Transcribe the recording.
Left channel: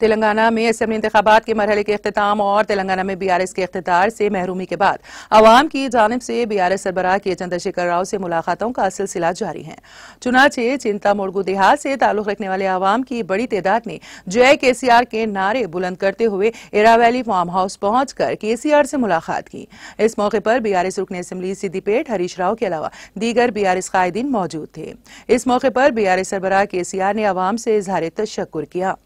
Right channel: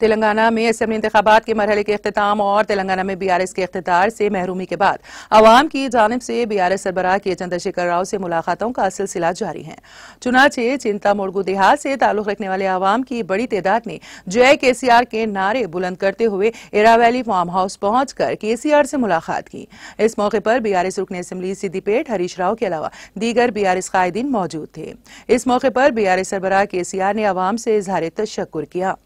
तेलंगाना में असेंबली इंतखाबात के मरहले के अख्तिताम और तेलंगाना में बीआरएस के इख्तितार से महरूमी के बाद अवाम की जानिब से बीआरएस सरबराह के चंद्रशेखर राव से मुलाकातों का सिलसिला जारी है। चुनाचे चिंता मोड़गू देहात से ताल्लुक रखने वाले अवाम की बड़ी तादाद ने जय केसीआर के नारे बुलंद करते हुए इरावैली फार्म हाउस पहुंचकर केसीआर से मुलाकात की। इस मौके पर बीआरएस रुकन असेंबली सिद्दीपेट हरीश राव के अलावा दीगर बीआरएस कायदीन मौजूद थे। इस मौके पर बीआरएस सरबराह केसीआर ने अवाम से इजहार तशक्कुर किया।